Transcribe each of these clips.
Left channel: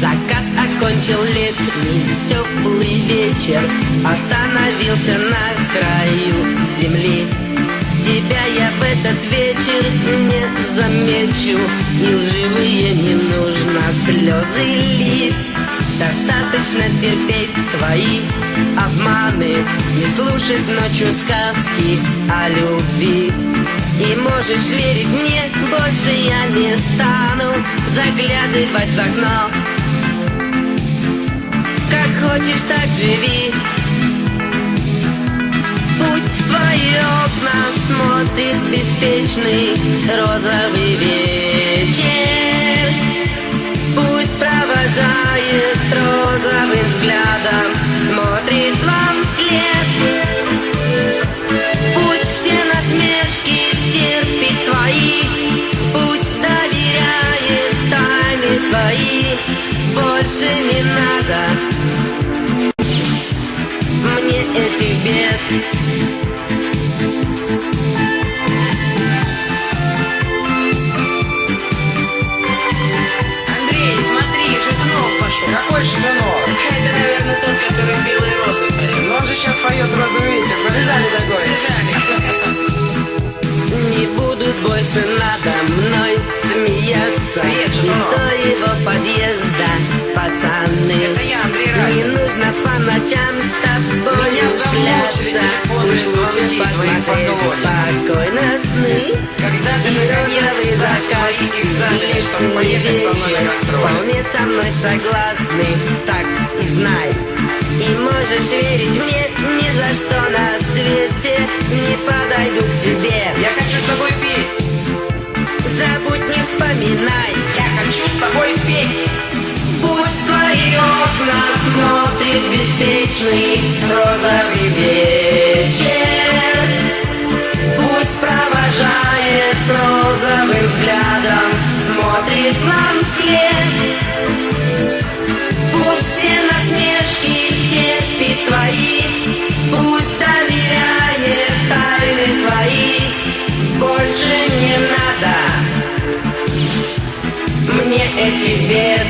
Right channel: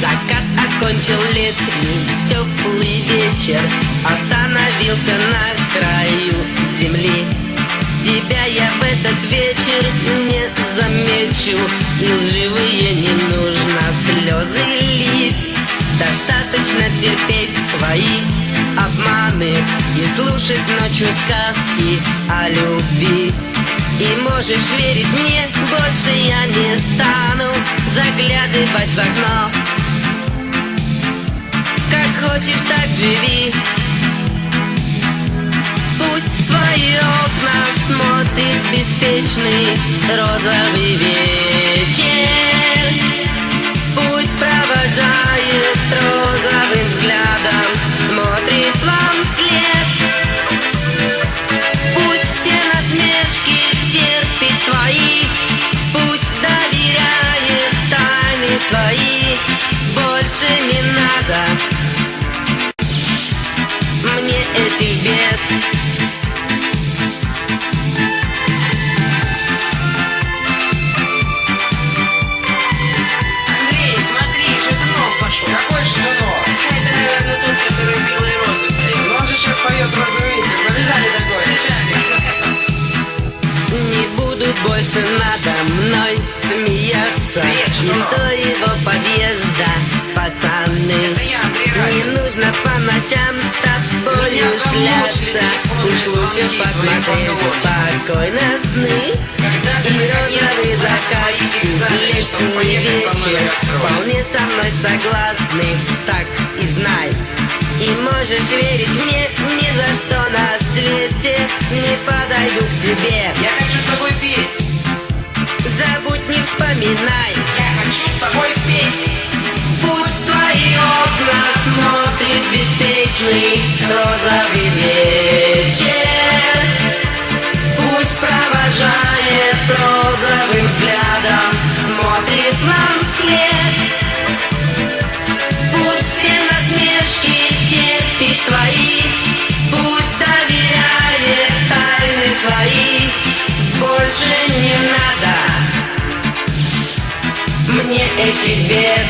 Закат окончил летний теплый вечер, остановился на краю земли. Тебя я в этот вечер не замечу, и лживые не нужно слезы лить. Достаточно терпеть твои обманы и слушать ночью сказки о любви. И можешь верить мне, больше я не стану заглядывать в окно. Как хочешь, так живи. Пусть в твои окна смотрит беспечный розовый вечер. Пусть провожает розовым взглядом, смотрит вам вслед. Пусть все насмешки терпит твои, пусть доверяет тайны свои. Больше не надо мне этих бед. Андрей, смотри, Шатунов пошел. Какой Шатунов? Это, наверное, тот, который белые розы поет. Но он же сейчас поет «Розовый ветер». Побежали такое. Не будут больше надо мной смеяться. Привет, Из Шатунов. твоего подъезда, пацаны. Это я, Андрей Радин. Не нужно по ночам с тобой Меня замучили шляться. телефонные Уж лучше звонки твои посмотреть поклонники. спокойно сны. Когда ты И наконец розовый сдашь закат, свои и экзамены, чтобы летний поехать со мной на вечер. гастроли. Вполне со мной согласны, так и знай. И можешь верить мне, ни за что на свете не подойду к тебе. Я хочу с тобой петь. Забудь, не вспоминай. Я хочу с тобой петь. Пусть в твои окна смотрит беспечный розовый вечер. Пусть провожает розовым взглядом, смотрит нам вслед. Пусть все насмешки терпит твои, пусть доверяет тайны свои. Больше не надо мне этих бед.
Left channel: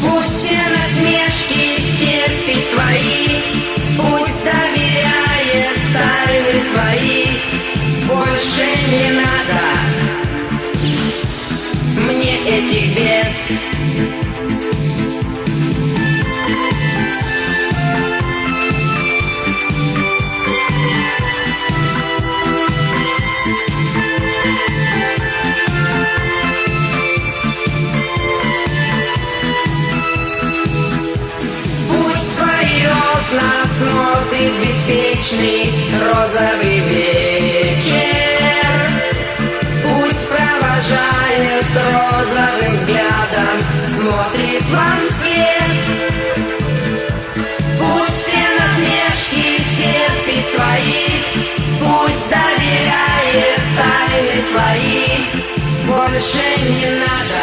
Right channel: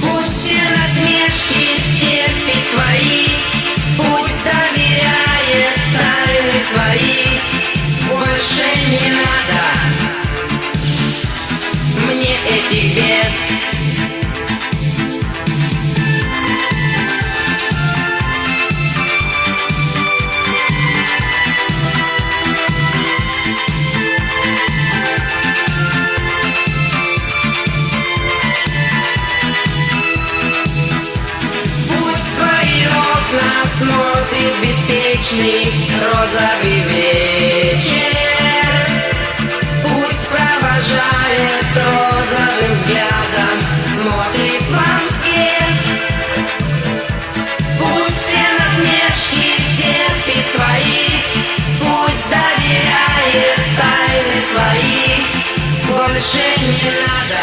Пусть все насмешки терпит твои, пусть доверяет тайны свои. Больше не надо мне этих бед. Пусть в твои окна смотрит беспечный розовый вечер. Пусть провожает розовым взглядом, смотрит вам вслед. Пусть все насмешки терпит твои, пусть доверяет тайны свои. Больше не надо